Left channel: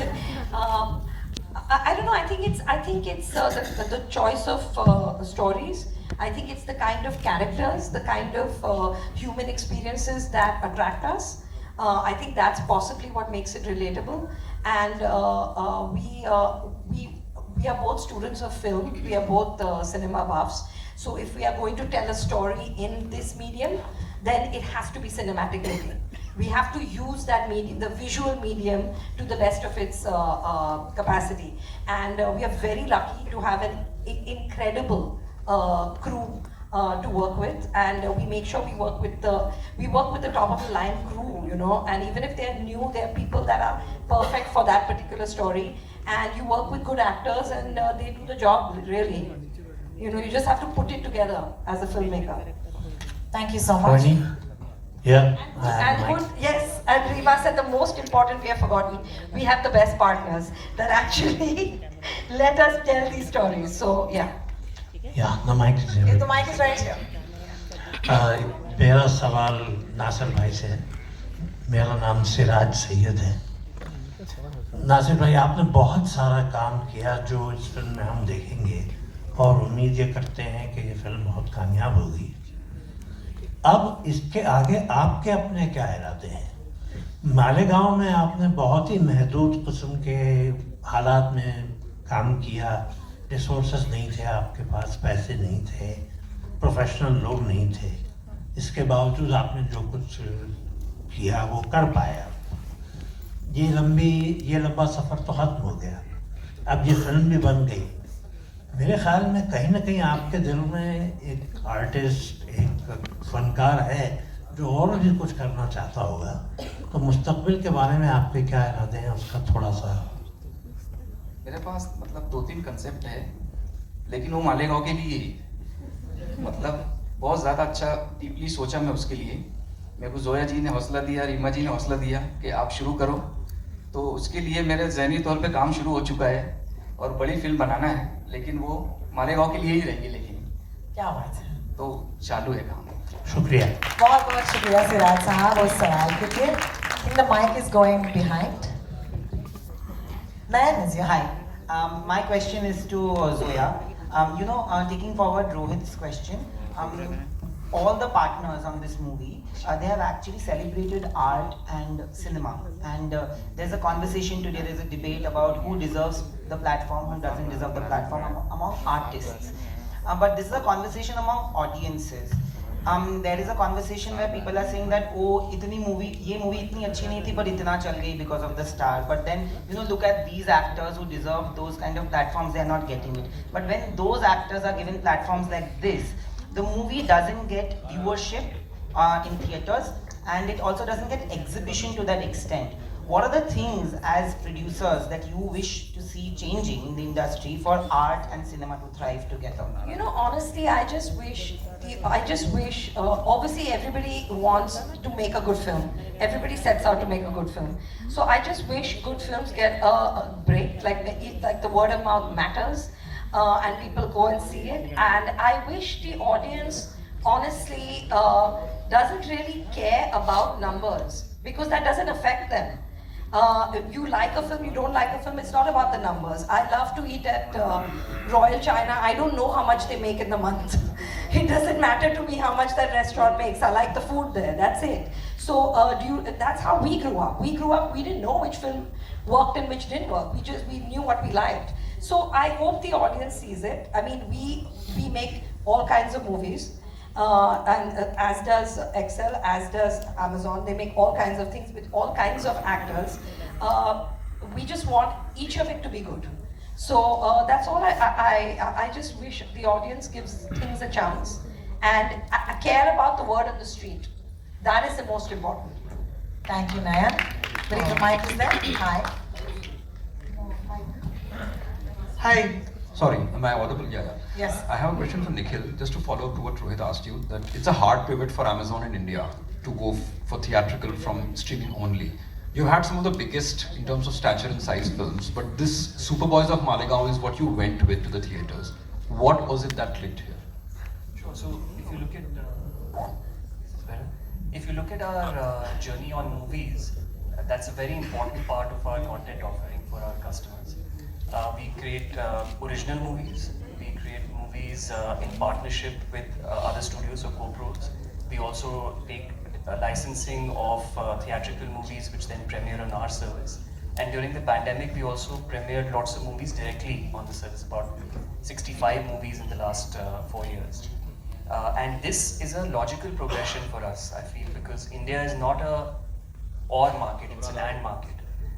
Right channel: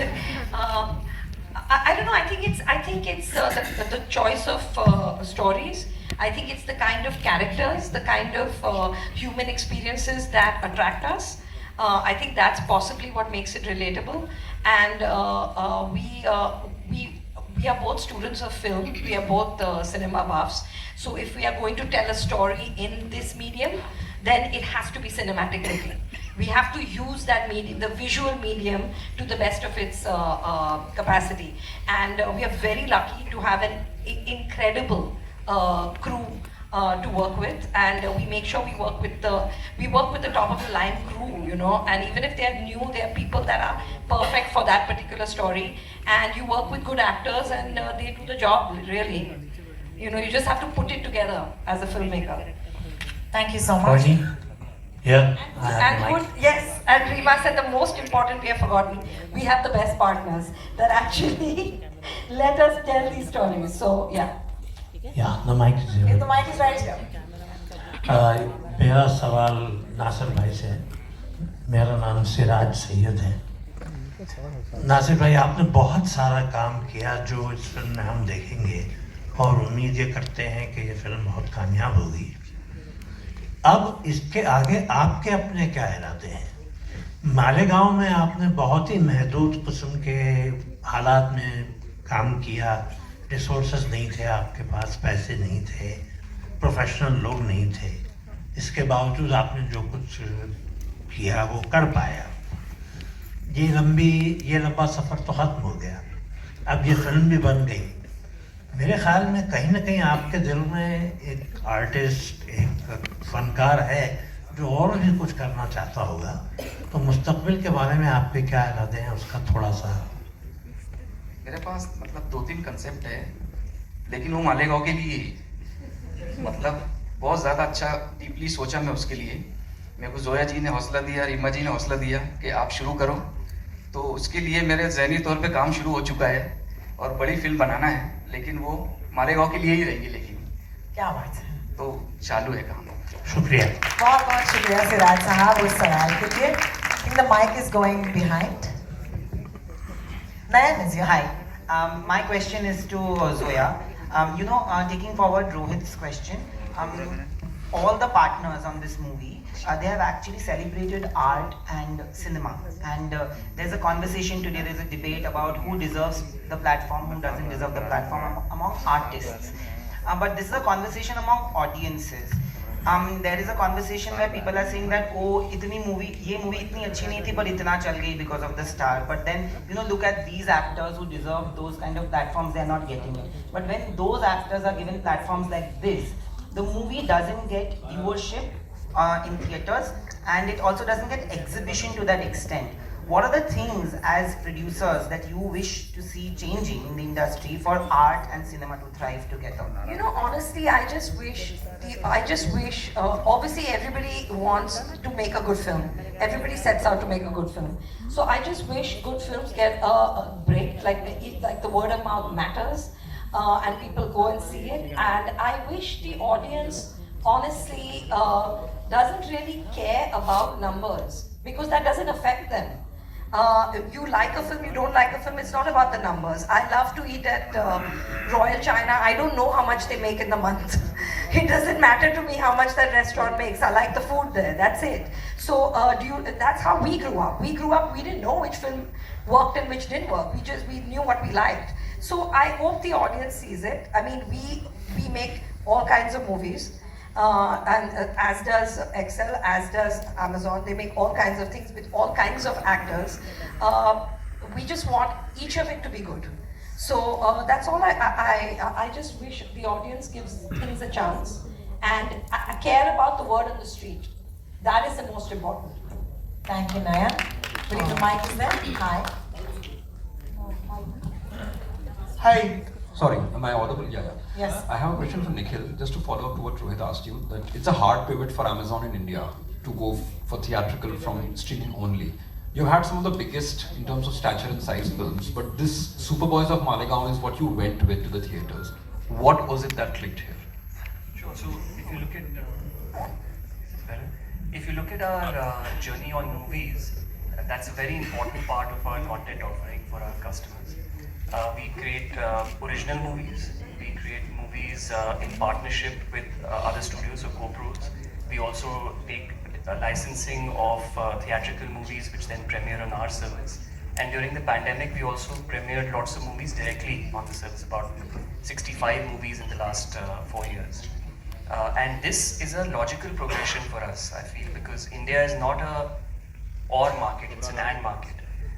I don't know. I think it's the choice of stories. I think it's the kind of characters, the kind of human experiences that attract us. I think that's possibly what makes it relatable. And we are both students of film. We are both cinema buffs. So if we are going to tell a story in this medium, then it has to be cinematic only. We have to use that medium, the visual medium, to the best of its capacity. And we are very lucky to have an incredible crew to work with, and we make sure we work with the top of the line crew, you know. And even if they're new, they're people that are perfect for that particular story. And you work with good actors, and they do the job really. You know, you just have to put it together as a filmmaker. Thank you so much. Bernie? Yeah. And good, yes, and Rima said the most important we have forgotten, we have the best partners that actually let us tell these stories. So, yeah. Yeah, the mic is If here. the mic is right here. मेरा सवाल नासिर भाई से है। मेरा नाम सिराज सैयद है। नासिर भाई, आपने बहुत सारा काम किया जो इस फिल्म में हम देखेंगे, और उम्मीद ये करते हैं कि ये फिल्म बहुत कामयाब होगी। अब इसके आगे आपके अपने क्या इरादे हैं? मालेगांव में आपने बहुत ही महदूद किस्म के हालात में काम किया, रिसोर्सेज नहीं थे आपके पास, पैसे नहीं थे, प्रोफेशनल लोग नहीं थे, इसके बावजूद आपने जो कुछ किया वो कर पाया। ये लंबा सफ़र तो ख़त्म हो गया, अब ये फिल्म भी बन गई। मेरे ख्याल में कहीं ना कहीं आपके दिल में एक आर्टिस्ट, एक फनकार है जो और भी कुछ करना चाहता होगा, तो मुस्तकबिल के बारे में आपके क्या इरादे हैं उसका थोड़ा सा। मेरे पास मतलब 2-3 कंसेप्ट है, लेकिन वो मालेगांव के लिए मतलब बहुत ज़्यादा अच्छा डीपली सोचा मैं उसके लिए। मेरे को जोया जी ने हौसला दिया, रीमा जी ने हौसला दिया कि आप शुरू करो, तो उसके लिए मेरे ज़हनी तौर पे काम शुरू हो चुका है और बड़ी फिल्म बनाना है, लेकिन वो मालेगांव के लिए ही रहेगी। लेकिन क्या बात है, तो चालू है काम। शुक्रिया। बहुत बहुत शुक्रिया सिराज साहब उस सवाल के लिए। I think the mic is going behind. Nayan is here. Hi. My question is to Zoya. Taking forward Rohit's question, all the partners on this movie, they have actually celebrated art and cinema. And there's a conversation today, there's a debate about who deserves the platform, who doesn't deserve the platform among artists. But this is a conversation among audiences. There is a conversation where people are saying that ये movie इतनी अच्छी नहीं थी पर इतना चल गई because of the star. But then look at these actors who deserve those kind of platforms, they are not getting it. But when those actors are given platforms like this, the movie doesn't get viewership in theaters, and it also doesn't get exhibition to that extent. What are the things as producers that you wish to see changing in the industry for art and cinema to thrive together? You know, honestly, I just wish, obviously everybody wants to make a good film. Everybody sets out to make a good film. So I just wish good films get a break, like the word of mouth matters, and people go and see it. And I wish the audience, honestly, doesn't really care about numbers, because that doesn't affect them. If you like a film, you don't like a film, it's not about the numbers. I love to eat at Royal China. I don't know how much they make in the month. It doesn't matter to me how much that restaurant makes. I like the food there, that's it. So that's how we grew up. We didn't know which film worked and which didn't work. We knew what we liked. So I hope the audience sees it. I mean, we make all kinds of movies. And as does Excel, as does Amazon. They make all kinds of things with all kinds of actors. We just want each of it to be good. So that's all. I just wish the audience gives things a chance and care about the word on the street. That is the most important. Thank you, Nayan. Bring the mic is there. Hi. Hi. Sorry, am I audible? Yeah. Yes. I have a question for Nikhil, just to follow up to what Rohit asked you, that it's a hard pivot for Amazon in India to go for theatrical from streaming only. You've had some of the biggest in terms of stature and size films, but this Superboys of Malegaon is what you went with to the theaters. What was it that clicked here? Sure. So if you look at our journey on movies, that's a very important part of our content offering. For for our customers. We create original movies. We create movies in partnership with other studios or co-pros. We also take licensing of theatrical movies which then premiere on our service. And during the pandemic, we also premiered lots of movies directly on the service, about 65 movies in the last 4 years. And this is a logical progression for us, I feel, because India is not a or market, it's an and market.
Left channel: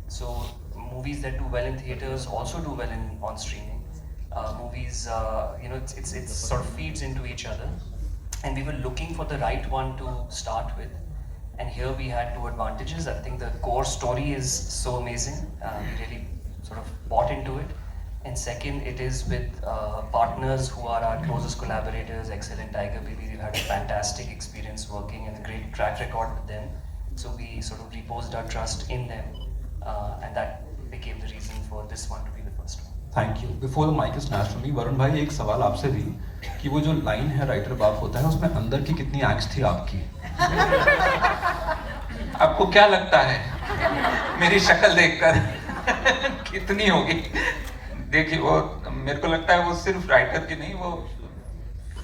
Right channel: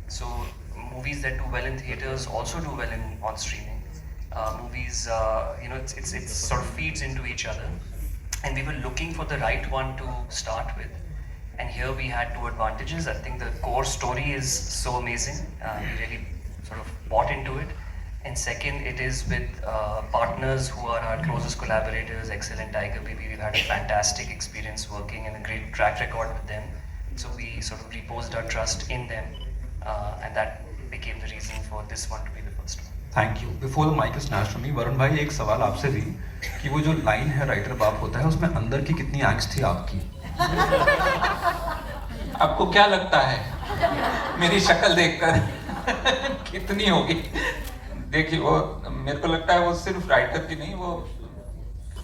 So movies that do well in theaters also do well on streaming. Movies, it sort of feeds into each other. And we were looking for the right one to start with. And here we had two advantages. I think the core story is so amazing. We really sort of bought into it. And second, it is with partners who are our closest collaborators, Excel and Tiger BB. We've had a fantastic experience working and a great track record with them. So we sort of reposed our trust in them. And that became the reason for this one to be the first one. Thank you. Before the mic is snatched from me, Varun भाई एक सवाल आपसे भी कि वो जो line है writer बाप होता है उसमें अंदर की कितनी angst थी आपकी? आपको क्या लगता है मेरी शक्ल देखकर कितनी होगी? देखिए वो मेरे को लगता है वो सिर्फ राइटर की नहीं, वो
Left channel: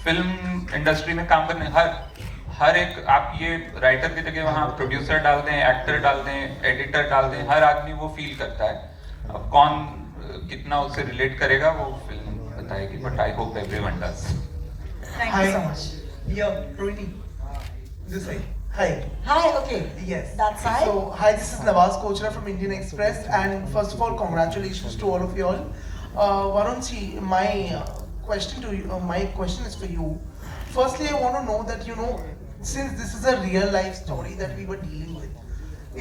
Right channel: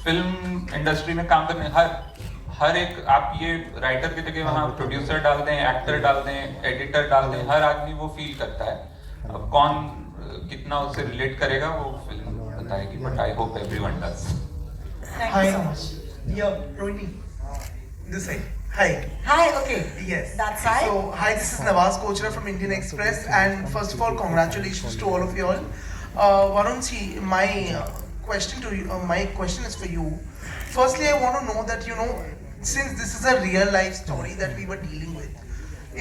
फिल्म इंडस्ट्री में काम करने हर एक, आप ये राइटर की जगह वहाँ प्रोड्यूसर डाल दें, एक्टर डाल दें, एडिटर डाल दें, हर आदमी वो फील करता है. अब कौन कितना उससे रिलेट करेगा वो फिल्म बताएगी, but I hope everyone does. Hi, yeah, Rohini. This side. Hi. Hi, okay. Yes. That side? So, hi, this is Nawaz Kochra from Indian Express, and first of all, congratulations to all of you all. Varun ji, my question is for you. Firstly, I want to know that since this is a real life story that we were dealing with,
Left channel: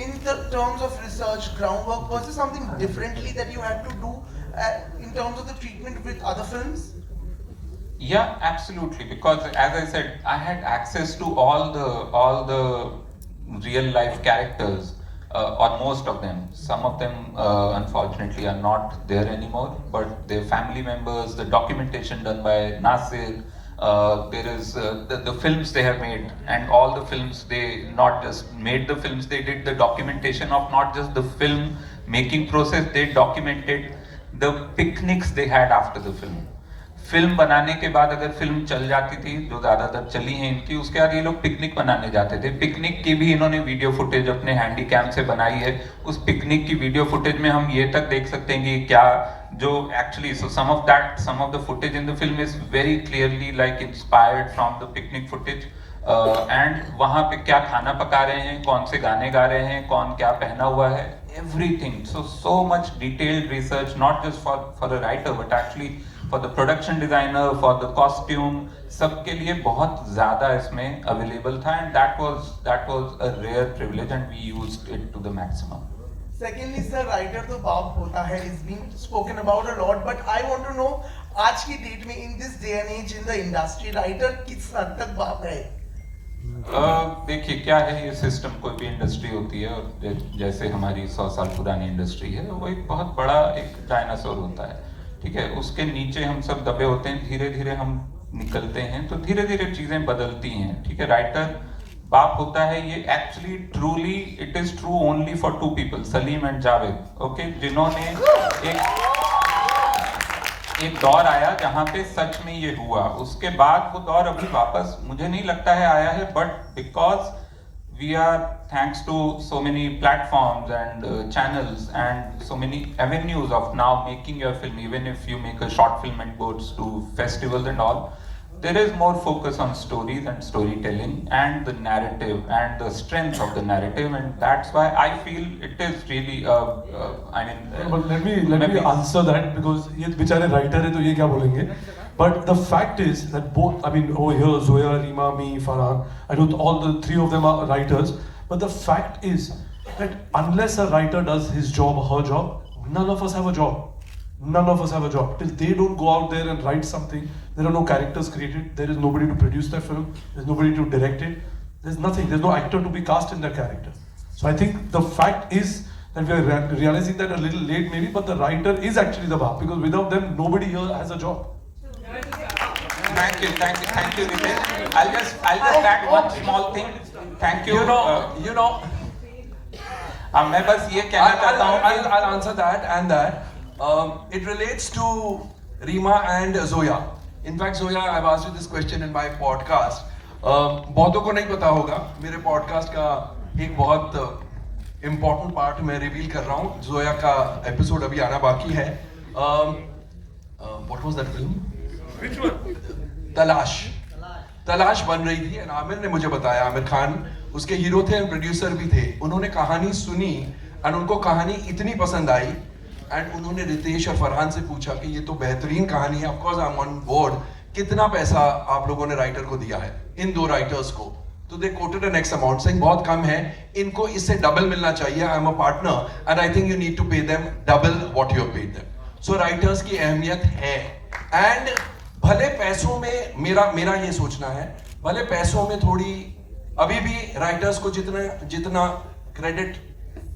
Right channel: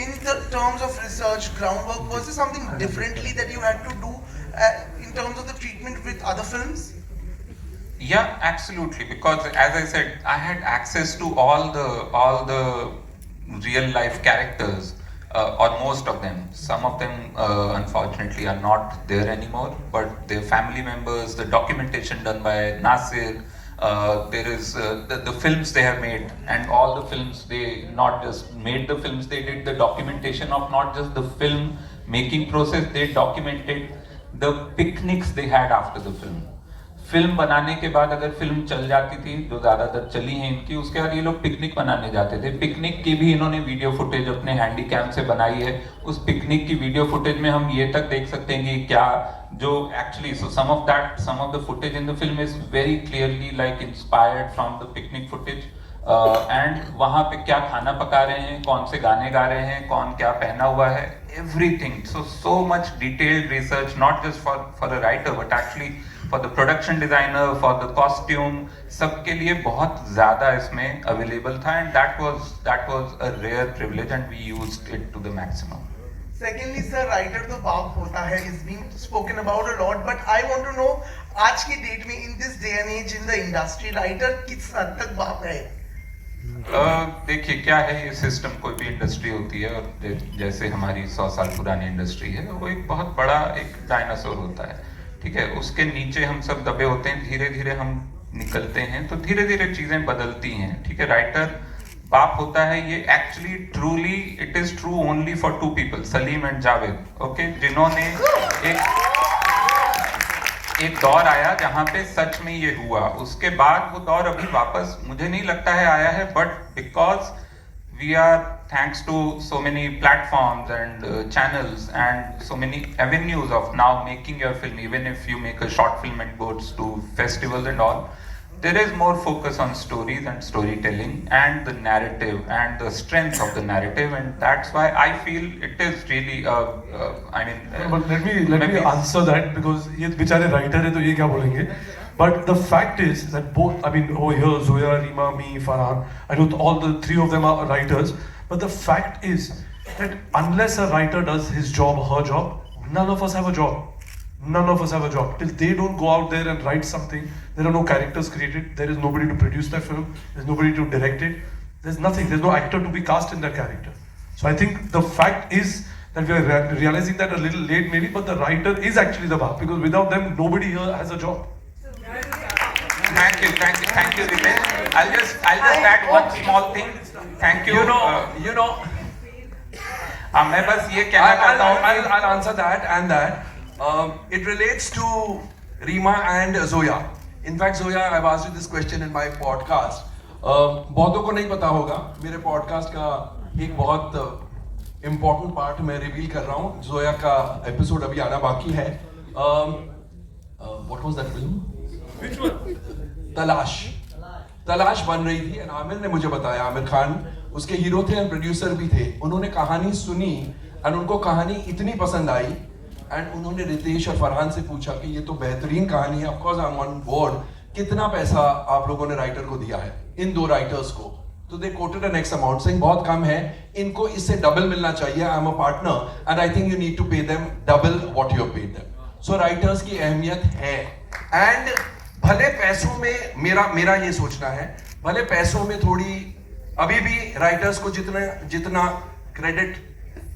in the terms of research, groundwork, was there something differently that you had to do in terms of the treatment with other films? Yeah, absolutely. Because as I said, I had access to all the real life characters, or most of them. Some of them, unfortunately, are not there anymore. But their family members, the documentation done by Nasir. There is the films they have made, and all the films, they not just made the films, they did the documentation of not just the film making process, they documented the picnics they had after the film. Film बनाने के बाद अगर film चल जाती थी, जो ज़्यादातर चली हैं इनकी, उसके बाद ये लोग पिकनिक बनाने जाते थे. पिकनिक की भी इन्होंने वीडियो फुटेज अपने हैंडी कैम से बनाई है. उस पिकनिक की वीडियो फुटेज में हम ये तक देख सकते हैं कि क्या जो actually some of the footage in the film is very clearly like inspired from the picnic footage. And वहाँ पे क्या खाना पका रहे हैं, कौन से गाने गा रहे हैं, कौन क्या पहना हुआ है, everything. So much detailed research, not just for the writer, but actually for the production designer, for the costume, सबके लिए बहुत ज़्यादा इसमें available था, and that was a rare privilege, and we used it to the maximum. Secondly, sir, writer तो बाप होता है is being spoken about a lot, but I want to know आज की डेट में in this day and age in the industry, writer किस हद तक बाप है? देखिए क्या है, ये सिस्टम कोई भी इंडस्ट्री होती है, और जैसे हमारी 100 साल पुरानी इंडस्ट्री है, वो एक बहुत बड़ा एक डायनासोर होता है. ठीक है, उसके नीचे हम सब दबे होते हैं, धीरे धीरे हम निकलते हैं, तो धीरे धीरे चीजें बदलती हैं. ठीक है, राइटर बाप होता है, ये actually truly it is true only for 2 people, Salim and Javed. Okay, जिन्होंने एक दौर आया जहां पे सच में ये हुआ. उसके बाद वो दौर अभी वापस मुझे नहीं लगता है आया है, but because we are, thanks to so many platforms and channels and so many avenues of now making your film, even if you make a short film and goes to festivals and all, there is more focus on stories and storytelling and the narrative and the strength of the narrative, and that's why I feel it is really but let me answer that, because ये बेचारे writer है तो ये क्या बोलेंगे. But the fact is that both, I mean, over here, Zoya, Rima, me, Farhan, I know all the 3 of them are writers, but the fact is that unless a writer does his job or her job, none of us have a job. None of us have a job. Till they don't go out there and write something, there are no characters created, there is nobody to produce that film, there's nobody to direct it, there's nothing, there's no actor to be cast in that character. So I think the fact is that we are realizing that a little late maybe, but the writer is actually the bar, because without them, nobody here has a job. Thank you, Ritesh. I'll just add one small thing. Thank you. मैं बस ये कहना चाहता हूँ I'll answer that and that. It relates to Rima and Zoya. In fact, Zoya, I've asked you this question in my podcast. बहुतों को नहीं पता होगा मेरे पॉडकास्ट का एक बहुत इम्पोर्टेंट पार्ट मैं रिवील कर रहा हूँ. जोया का एपिसोड अभी आना बाकी है. What was that film? Which one? तलाश बन रही थी. आमिर ने मुझे बताया, आमिर खान उसके हीरो थे, प्रोड्यूसर भी थे. उन्होंने कहानी सुनी और उनको कहानी इतनी पसंद आई एंड उन्होंने रितेश और फरहान से पूछा कि ये तो बेहतरीन कहानी है, of course I am on board, कितना पैसा आप लोगों ने राइटर को दिया है, इन दो राइटर्स को? तो they quoted an X amount, saying बहुत कम है, इनको इससे डबल मिलना चाहिए. I am a partner and I think you need to pay them double what you paid them. So writers की अहमियत है. एंड भले पैसों में मेरा ये सोचना है, भले पैसों में थोड़ी अभी भी राइटर्स को जितना क्रेडिट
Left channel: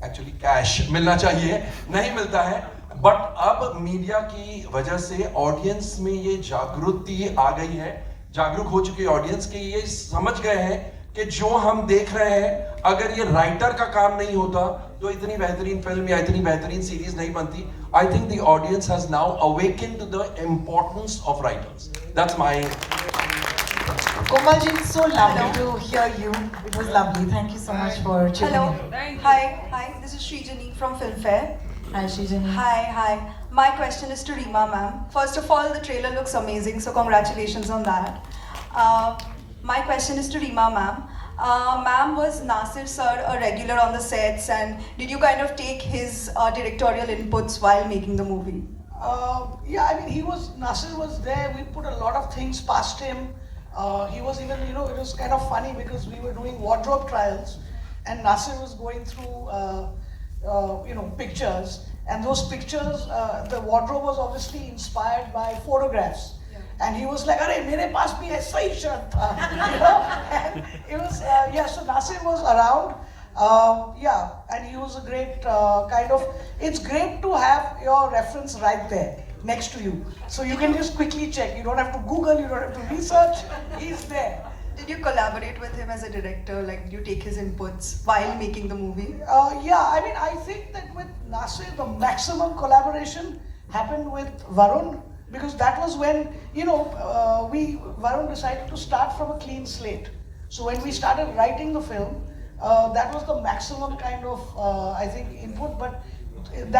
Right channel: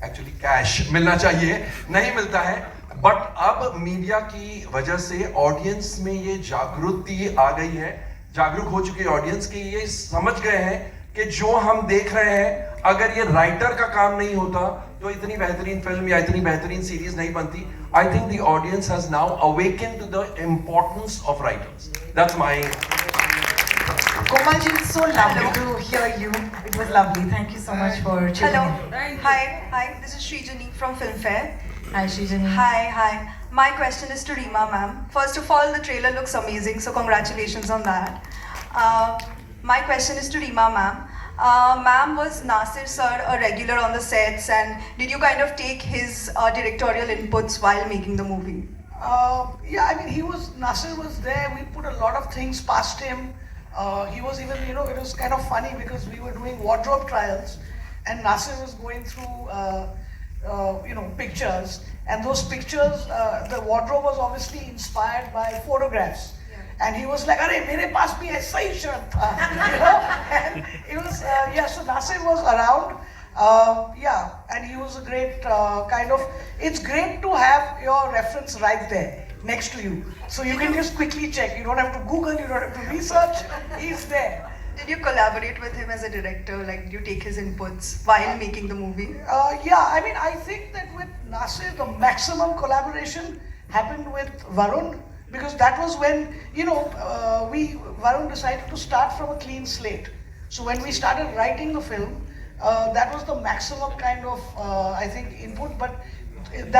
एक्चुअली कैश मिलना चाहिए नहीं मिलता है, बट अब मीडिया की वजह से ऑडियंस में ये जागृति आ गई है, जागरूक हो चुकी है ऑडियंस की. ये समझ गए हैं कि जो हम देख रहे हैं, अगर ये राइटर का काम नहीं होता तो इतनी बेहतरीन फिल्म या इतनी बेहतरीन सीरीज नहीं बनती. I think the audience has now awakened to the importance of writers. That's my. Komalji, it's so lovely to hear you. It was lovely. Thank you so much for tuning in. Hi, this is Srijani from Filmfare. Hi, Srijani. Hi. My question is to Rima ma'am. First of all, the trailer looks amazing, so congratulations on that. My question is to Rima ma'am. Ma'am, was Nasir sir a regular on the sets, and did you kind of take his directorial inputs while making the movie? Yeah, I mean, Nasir was there. We put a lot of things past him. He was even, it was kind of funny because we were doing wardrobe trials and Nasir was going through, pictures, and those pictures, the wardrobe was obviously inspired by photographs. And he was like, "Arey, mere paas bhi aisa hi shirt tha." And it was, so Nasir was around. And he was a great it's great to have your reference right there next to you. So you can just quickly check. You don't have to Google, you don't have to research. He's there. Did you collaborate with him as a director? Like, did you take his inputs while making the movie? I mean, I think that with Nasir, the maximum collaboration happened with Varun, because that was when, Varun decided to start from a clean slate. So when we started writing the film, that was the maximum kind of, I think, input, but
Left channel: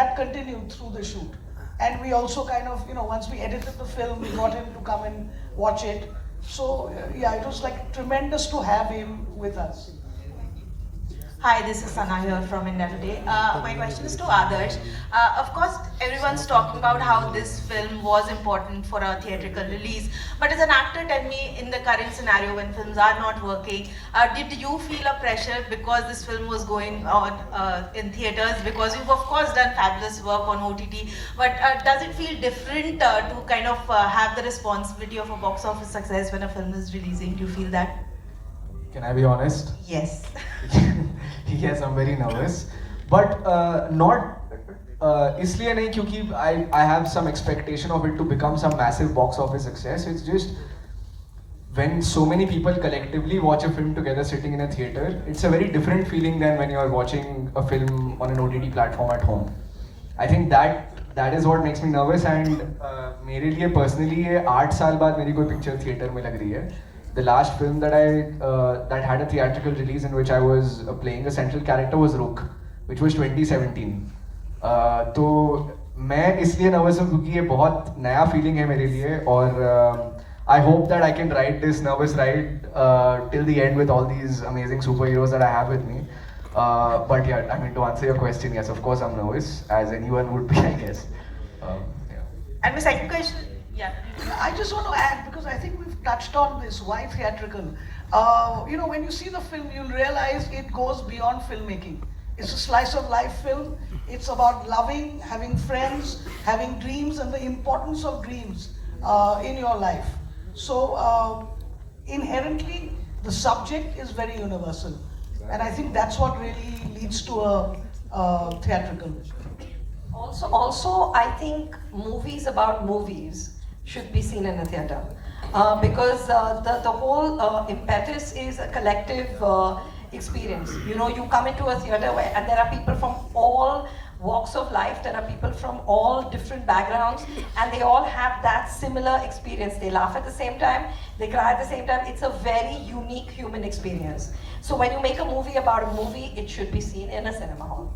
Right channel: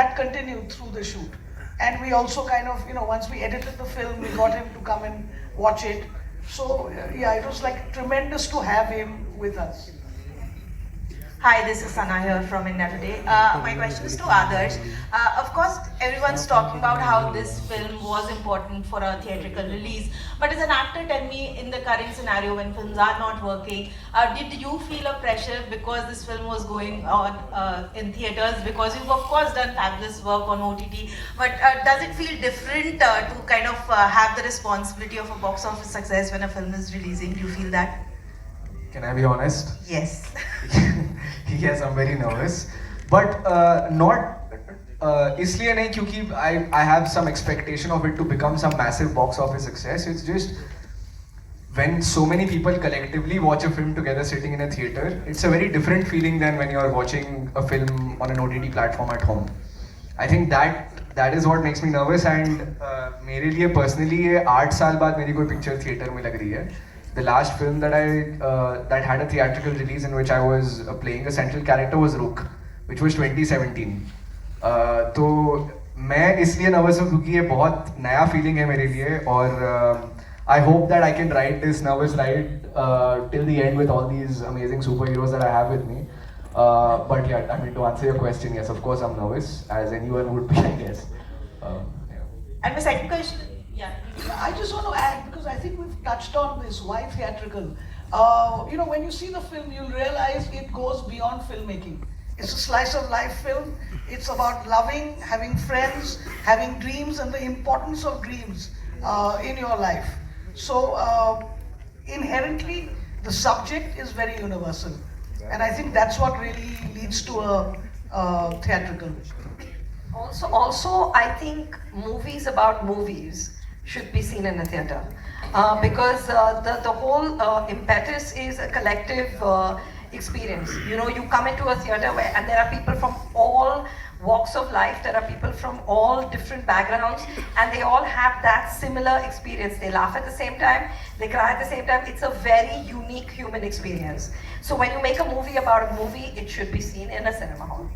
that continued through the shoot. And we also kind of, once we edited the film, we got him to come and watch it. So, it was like tremendous to have him with us. Hi, this is Sana here from India Today. My question is to Adarsh. Of course, everyone's talking about how this film was important for a theatrical release. But as an actor, tell me, in the current scenario when films are not working, did you feel a pressure because this film was going on in theaters? Because you've of course done fabulous work on OTT. But does it feel different to kind of have the responsibility of a box office success when a film is releasing? Do you feel that? Can I be honest? Yes. Yes, I'm very nervous, but not इसलिए नहीं क्योंकि I have some expectation of it to become some massive box office success. It's just when so many people collectively watch a film together sitting in a theater, it's a very different feeling than when you're watching a film on an OTT platform at home. I think that is what makes me nervous, and मेरे लिए personally ये 8 साल बाद मेरी कोई picture theater में लग रही है. The last film that that had a theatrical release in which I was playing a central character was Rukh, which was 2017. तो मैं इसलिए nervous हूँ क्योंकि ये बहुत नया feeling है मेरे लिए, और I hope that I can ride this nervous ride till the end with all these amazing superheroes that I have with me. But yeah, I mean, to answer your question, yes, of course I'm nervous, as anyone would be, I guess. And the second question. Yeah. I just want to add, because I think we've touched on this, why theatrical. When you see the film, you'll realize it goes beyond filmmaking. It's a slice of life film. It's about loving, having friends, having dreams, and the importance of dreams in your life. So inherently, the subject is very universal. And I think that's what really leads to a theatrical. Also, I think movies about movies should be seen in a theater, because the whole impetus is a collective experience. You know, you come into a theatre and there are people from all walks of life, there are people from all different backgrounds, and they all have that similar experience. They laugh at the same time, they cry at the same time. It's a very unique human experience. So when you make a movie about a movie, it should be seen in a cinema hall.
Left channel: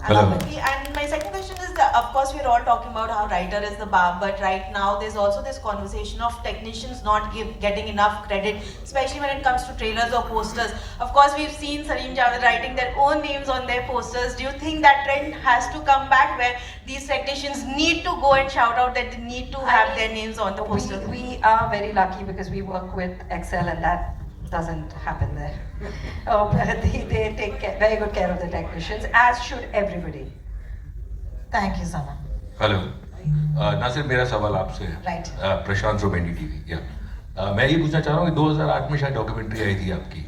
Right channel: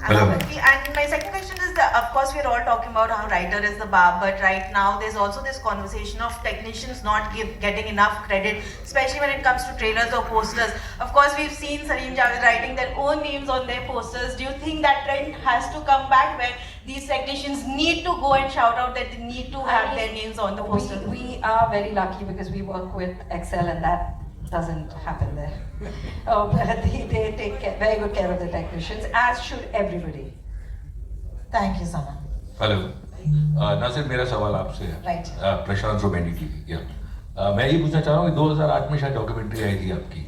Absolutely. And my second question is that, of course, we're all talking about how writer is the bar, but right now there's also this conversation of technicians not getting enough credit, especially when it comes to trailers or posters. Of course, we've seen Salim Javed writing their own names on their posters. Do you think that trend has to come back where these technicians need to go and shout out that they need to have their names on the poster? We are very lucky because we work with Excel, and that doesn't happen there. They take very good care of the technicians, as should everybody. Thank you, Sana. Hello Nasir, मेरा सवाल आपसे है। Right. Prashant रोमेंडी TV. या मैं ये पूछना चाह रहा हूँ कि 2008 में शायद डॉक्यूमेंट्री आई थी आपकी,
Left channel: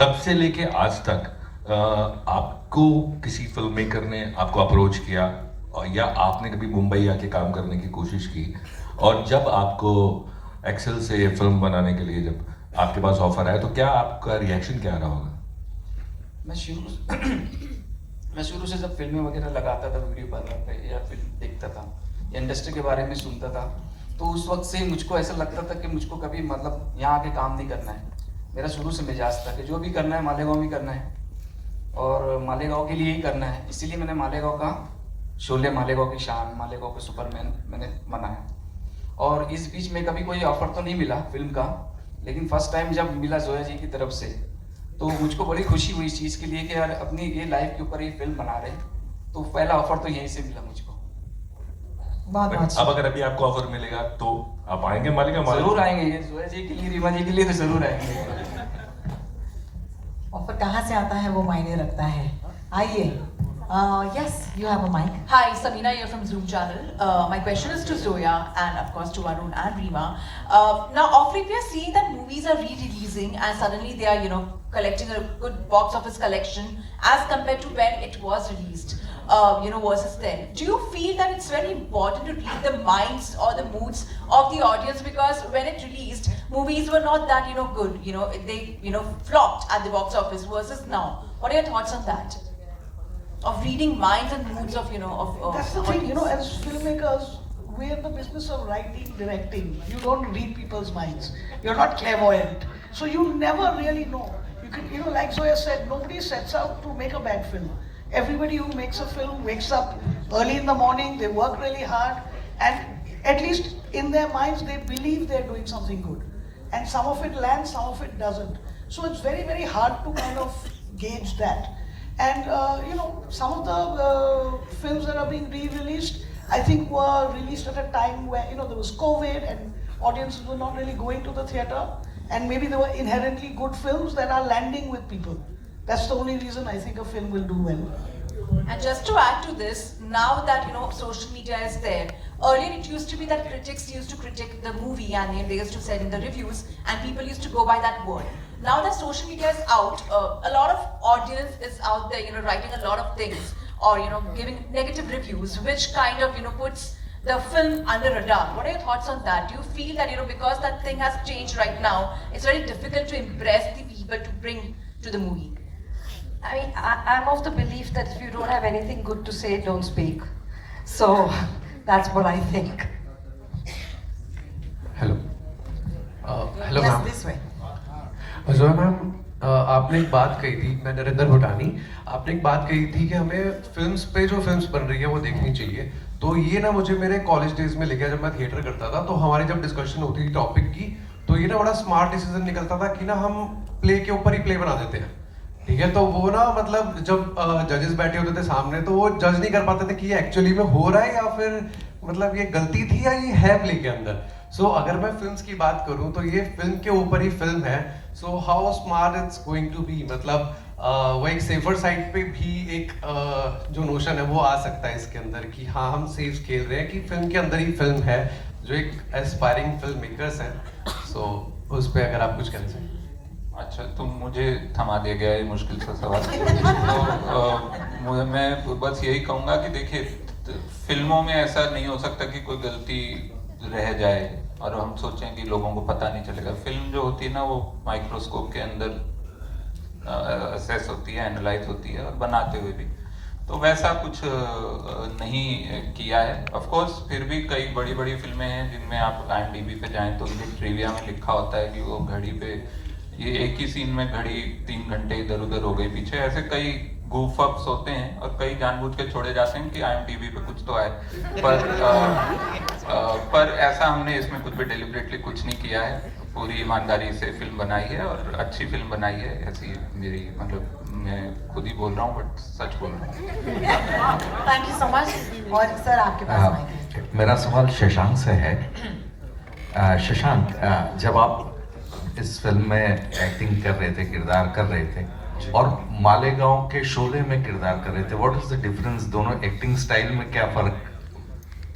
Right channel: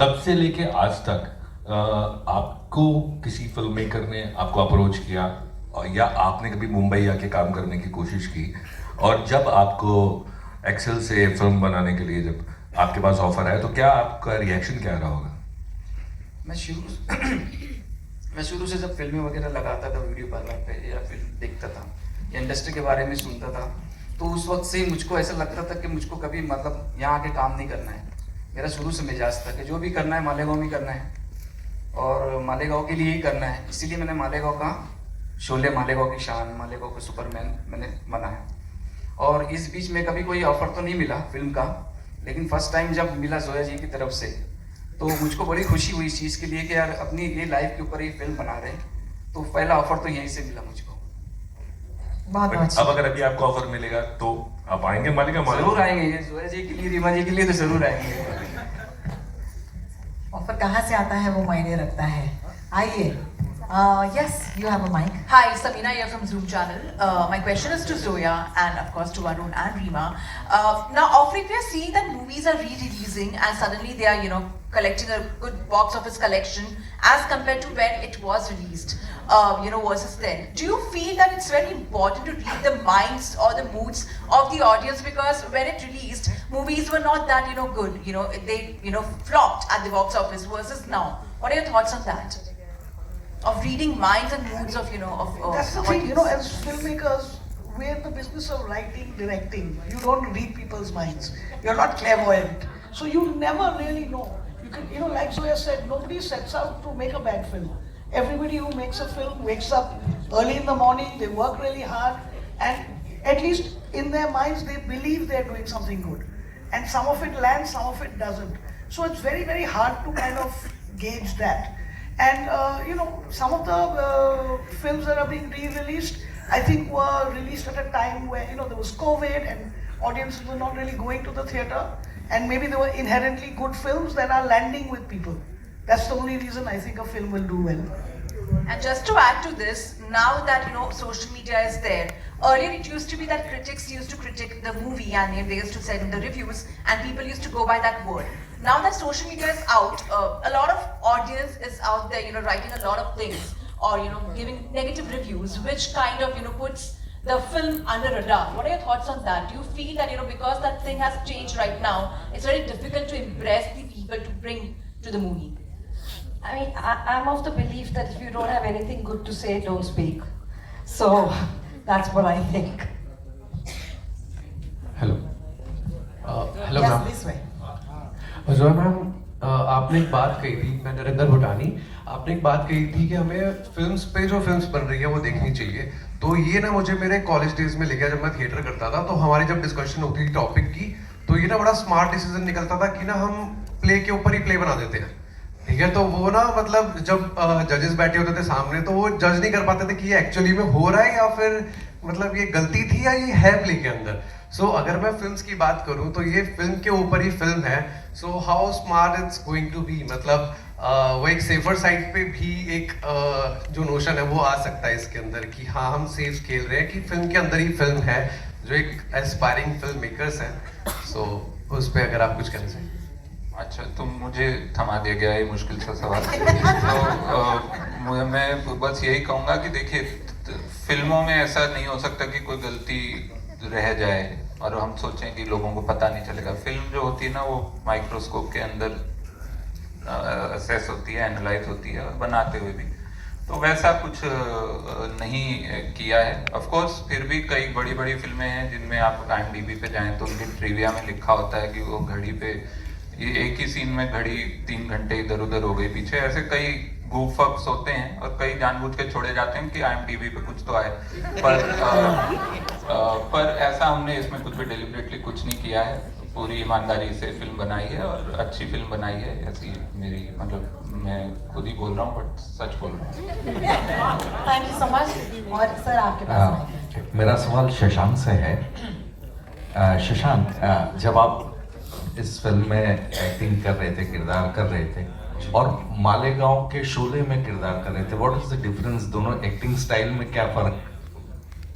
तब से लेके आज तक आपको किसी फिल्म मेकर ने आपको अप्रोच किया या आपने कभी मुंबई आके काम करने की कोशिश की? और जब आपको एक्सेल से फिल्म बनाने के लिए जब आपके पास ऑफर आया तो क्या आपका रिएक्शन क्या रहा होगा? मैं शुरू से जब फिल्में वगैरह लगाता था वीडियो पार्लर पे या फिल्म देखता था या इंडस्ट्री के बारे में सुनता था, तो उस वक्त से मुझको ऐसा लगता था कि मुझको कभी मतलब यहाँ आके काम नहीं करना है। मेरा शुरू से मिजाज था कि जो भी करना है मालेगांव में करना है और मालेगांव के लिए ही करना है। इसीलिए मैंने मालेगांव का शोले, मालेगांव की शान, मालेगांव का सुपरमैन मैंने बनाया। और इस बीच में कभी कोई ऑफर तो नहीं मिला फिल्म का, लेकिन फर्स्ट टाइम जब मिला जोया जी की तरफ से तो मुझको बड़ी खुशी हुई इस चीज़ के लिए कि यार अपनी ये लाइफ के ऊपर ये फिल्म बना रहे हैं। तो पहला ऑफर तो यहीं से मिला मुझको। अब अगर अभी आपको ऑफर मिलेगा तो आप आएंगे मालेगांव? जरूर आएंगे, ये जोया जी के लिए, रीमा जी के लिए तो जरूर आएंगे। ऑफर कहाँ से आता है वो मायने रखता है। आइए। Yes, you have a mic. Hi, Samina here from Zoom channel. My question is to Zoya and of course to Varun and Reema. Now, of late we are seeing that movies are re-releasing and suddenly they are, collecting a good box office collection as compared to when it was released, versus then. Do you feel that it's very important to read the minds or the moods of the audience, because when it released, movies were not that, good, they, flopped at the box office versus now. What are your thoughts on that? Of reading minds and moods of, That's the thing, as filmmakers, we're in the business of writing, directing. You don't read people's minds. You're not clairvoyant. So you never really know. You can, like Zoya said, nobody sets out to make a bad film. Everybody who makes a film wakes up early in the morning, they work really hard, and at least in their minds, they believe they're doing something good. And some of it lands, some of it doesn't. So it's very, very hard to kind of gauge that. And some of the films that are being re-released, I think were released at a time where there was COVID and audiences were not really going to the theatre, and maybe they were inherently good films that are landing with people. That's the only reason I think a film will do well. And just to add to this, now that social media is there, earlier it used to be that critics used to critique the movie and they used to say in the reviews, and people used to go by that word. Now that social media is out, a lot of audience is out there, writing a lot of things or giving negative reviews, which kind of puts the film under radar. What are your thoughts on that? Do you feel that because that thing has changed right now, it's very difficult to impress the people to bring to the movie? I mean, I'm of the belief that if you don't have anything good to say, don't speak. So that's what I think. Hello. Hello, Yes, ma'am. this way. Zoya ma'am, आपने एक बात कही थी, मैं नरेंद्र भुटानी, आपने एक बात कही थी कि हमें फिल्म्स पे जो फिल्म्स बन रही है वो देखनी चाहिए। तो ये ना मुझे मेरे कॉलेज डेज में ले गया, जब मैं थिएटर करता था तो हमारी जब डिस्कशन होती थी टॉपिक की, तो ये ना बड़ा स्मार्ट डिसीजन निकलता था कि ना हम प्ले के ऊपर ही प्ले बना देते हैं। ठीक है, तो वो ना मतलब जब जजेस बैठे होते थे सामने तो वो जज नहीं कर पाते थे कि ये एक्चुअली में हो रहा है या फिर मतलब ये गलती थी या ये है प्ले के अंदर। सो अगर मैं फिल्म्स की बात करूं तो ये फिल्म के ऊपर ही फिल्म है। So how smart it's going to be, मतलब वो एक सेफर साइड पे भी एक जो नोशन है वो आ सकता है इसके अंदर कि हाँ हम सेफ खेल रहे हैं कि फिल्म के अंदर ही फिल्म है, जो एक एस्पायरिंग फिल्म मेकर्स हैं। सो उस पर अगर आप कुछ कहना चाहिए। अच्छा, तो मुझे थमा दिया गया ये मुश्किल सा सवाल। तो मैं बस यही कहूँगा कि देखिए, फिल्मों में ऐसा नहीं हो सकता कि कोई गलती रह जाए और हम सोचें कि लोगों को पता नहीं चलेगा। फिल्म जो होती है ना, वो माइक्रोस्कोप के अंदर असेस होती है, एनालाइज होती है, और बनाते हुए भी। तो वैसा कुछ नहीं किया है। ऑफ कोर्स फिर भी कई बड़ी बड़ी फिल्में हैं जिनमें आप IMDb पे जाएं तो उनकी ट्रिविया में लिखा होता है कि वो घड़ी पे ये एक ही सीन में घड़ी 3 घंटे इधर उधर हो गई पीछे। ऐसे कई goof ups होते हैं और कई जानबूझ के छोड़े जाते हैं कि IMDb पे कुछ तो आए, पर ऐसा हमने इसमें कुछ भी डेलिबरेटली कुछ नहीं किया है। पूरी ईमानदारी से फिल्म बनाई है और अच्छी फिल्म बनाई है, ऐसी मेरी मतलब मैं खुद ही बोल रहा हूँ बट सच बोल रहा हूँ। Thank you so much. और सर आपके पास मेरा सवाल शशांक से है। शशांक, जब आप इस फिल्म में एक्टिंग कर रहे थे, किरदार कर रहे थे, और मालेगांव के शोले में किरदार कर रहे थे, व्हाट इज द डिफरेंस? दोनों एक्टिंग स्टाइल में क्या फर्क?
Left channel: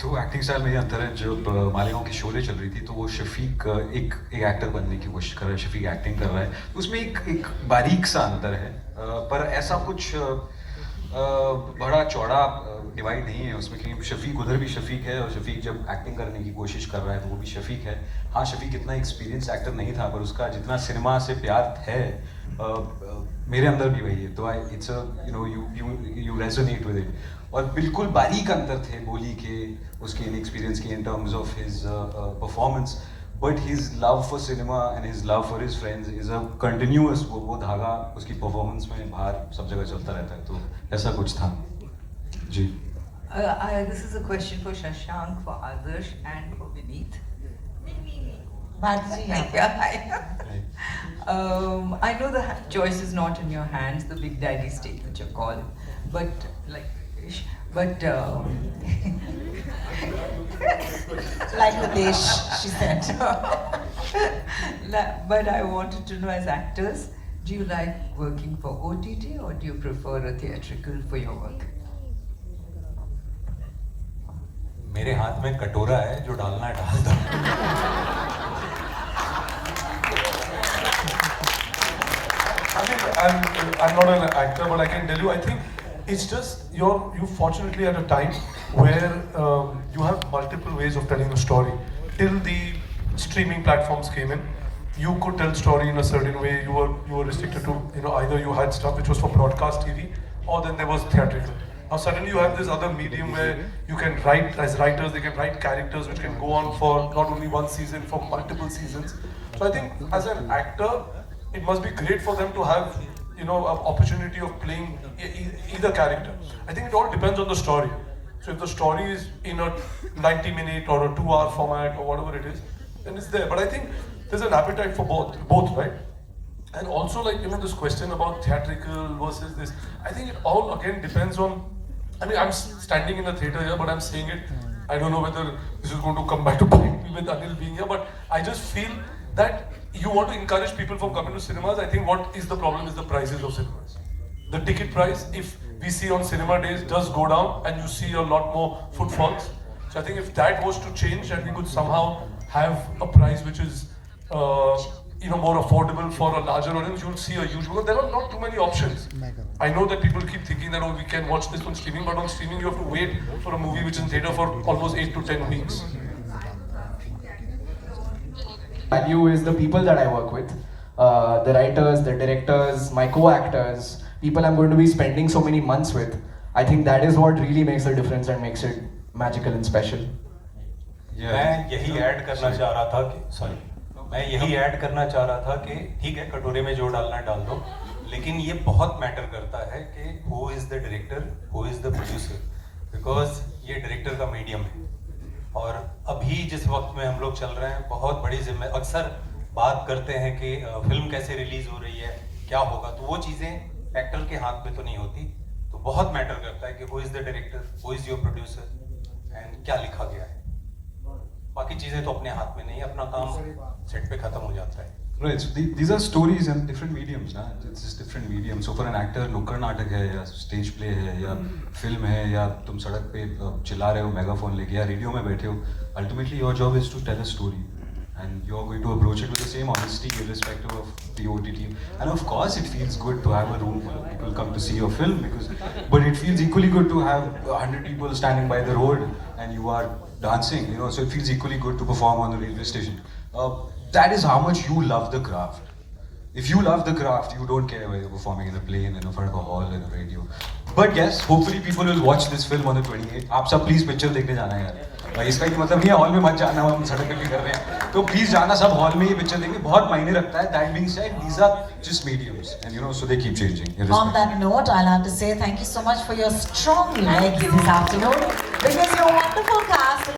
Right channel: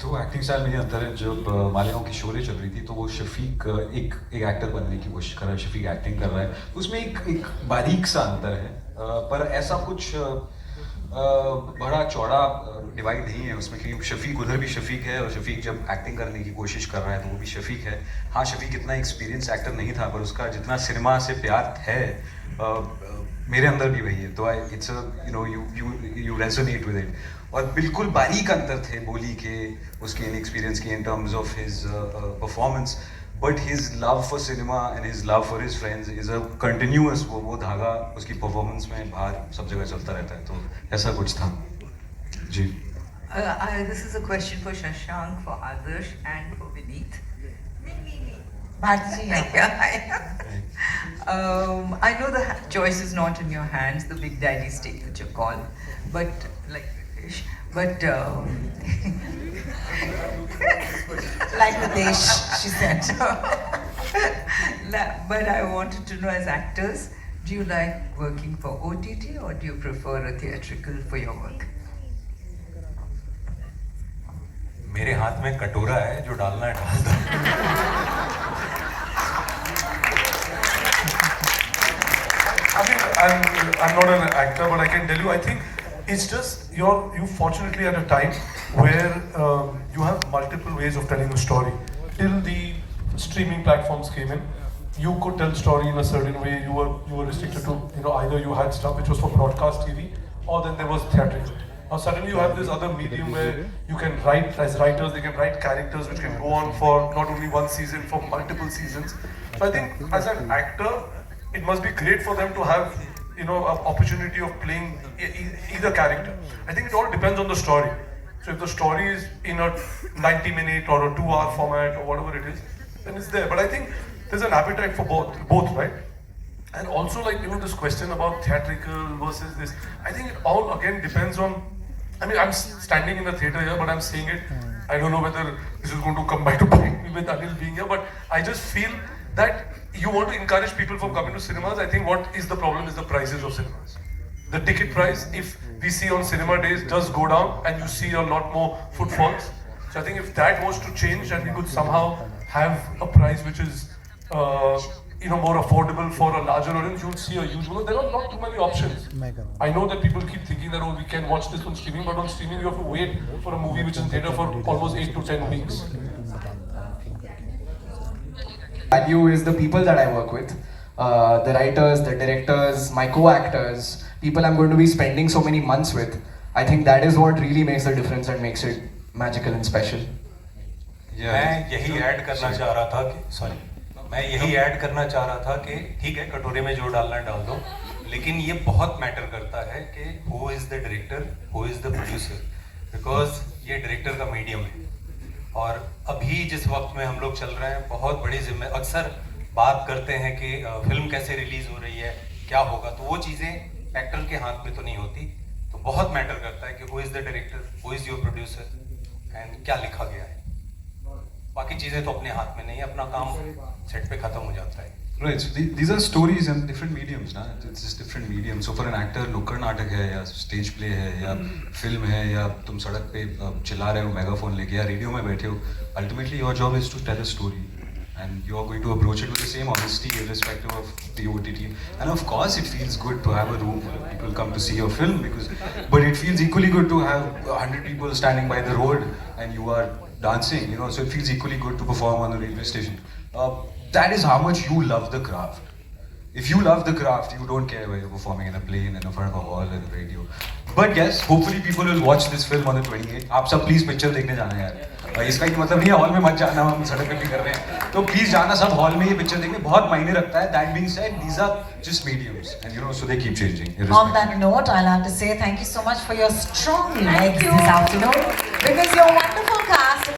तो एक्टिंग स्टाइल में ये अंतर है, जब मालेगांव की शोले चल रही थी तो वो शफीक एक एक्टर बनने की कोशिश कर रहा है, शफीक एक्टिंग कर रहा है, उसमें एक बारीक सा अंतर है, पर ऐसा कुछ बड़ा चौड़ा डिवाइड नहीं है उसमें कि शफीक उधर भी शफीक है और शफीक जब एक्टिंग करने की कोशिश कर रहा है तो वो भी शफीक है। हाँ, शफीक इतना एक्सपीरियंस एक्टर नहीं था पर उसका जितना सिनेमा से प्यार है मेरे अंदर भी वही है, तो it's you resonate with it. और बिल्कुल बारीक अंतर थे बोली के, उसके इनएक्सपीरियंस के in terms of his performance, but his love for cinema and his love for his friends is a continuous, वो धागा उसकी परफॉर्मेंस में बाहर सब जगह चलता रहता है, तो ऐसा कुछ था जी। This is a question for Shashank, for Adarsh and for Vineet. I know the choice is not in your hands, the big daddy state which you call, but like Nadesh, she said. But I wanted to know, as actors, do you like working for OTT or do you prefer a theatrical for your work? मेरे हाथ में कटोरा है, जो डालना है डाल दो। I'm not an actor, but I can tell you, I think it's just you fortunately at a time where you have multiple ways of telling a story. Till the streaming platforms came in, you could tell story in a certain way. You were restricted to, either you had stuff which was for broadcast TV, or then there was theatrical. Now suddenly you have this other medium where you can write, as writers they can write characters which can go on for not only one season, for multiple seasons. So I think as an actor, it must be great for them to have an opportunity of playing either character. I think it all depends on the story. So if the story is in a 90-minute or a 2-hour format or whatever it is, then it's there. But I think there's an appetite for both, right? And also, like, this question about theatrical versus this, I think it all again depends on, I'm standing in the theatre here, but I'm saying it, I don't know whether this is going to come back to bite me with Anil being here, but I just feel that you want to encourage people from coming to cinemas. I think what is the problem is the prices of cinemas. The ticket price, if we see on cinema days, does go down and you see a lot more footfalls. So I think if that was to change and we could somehow have a price which is more affordable for a larger audience, you'll see a huge growth. There are not too many options. I know that people keep thinking that, we can watch this on streaming, but on streaming you have to wait for a movie which is in theatre for almost 8 to 10 weeks. Value is the people that I work with, the writers, the directors, my co-actors, people I'm going to be spending so many months with. I think that is what really makes the difference and makes it magical and special. मैं यही add करना चाह रहा था कि ठीक है, कटोरे में जो डालना है डाल दो, लेकिन ये बहुत मैटर करता है कि who is the director, who is the producer, because ये डायरेक्टर का मीडियम है। और अभी जिस वक्त में हम लोग चल रहे हैं, बहुत बड़ी जिम्मेदारी, अक्सर बात करते हैं कि फिल्म कैसे रिलीज हो रही है, क्या होगा, तो वो चीज़ें एक्टर के हाथ में तो नहीं होती, तो बहुत मैटर करता है कि who is the director, who is your producer and क्या लिखा गया है। बाकी चीज़ें तो अपने हाथ में नहीं, अपना काम सेट पे खत्म हो जाता है। Right, so these are stories and different mediums, ना? It's just different mediums. So for an actor, नुक्कड़ नाटक है या स्टेज प्ले है या फिल्म है या तुम सड़क पे चिल्ला रहे हो मेगाफोन लेके या रेडियो में बैठे हो, ultimately your job is to tell a story and you are going to approach it with the same honesty irrespective of the OTT. And of course it feels good to have a room full of people come to see your film, but it feels equally good to have 100 people standing by the road and you are dancing, so it feels equally good to perform on the railway station. That is how much you love the craft. If you love the craft, you don't care whether you're performing in a plane, in front of a hall, in a radio. But yes, hopefully people will watch this film on the 28th. आप सब please picture देखने जाना है यार. इसका एक मतलब नहीं है हॉल में मत जाना, हम सड़क पे भी कर रहे हैं. तो please जाना सब हॉल में ये पिक्चर देखने, बहुत मायने रखता है. That being said, these are just mediums, and you know, so they keep changing. On that note, I'll have to say thank you so much for your strong legs this afternoon. This is your wonderful cast.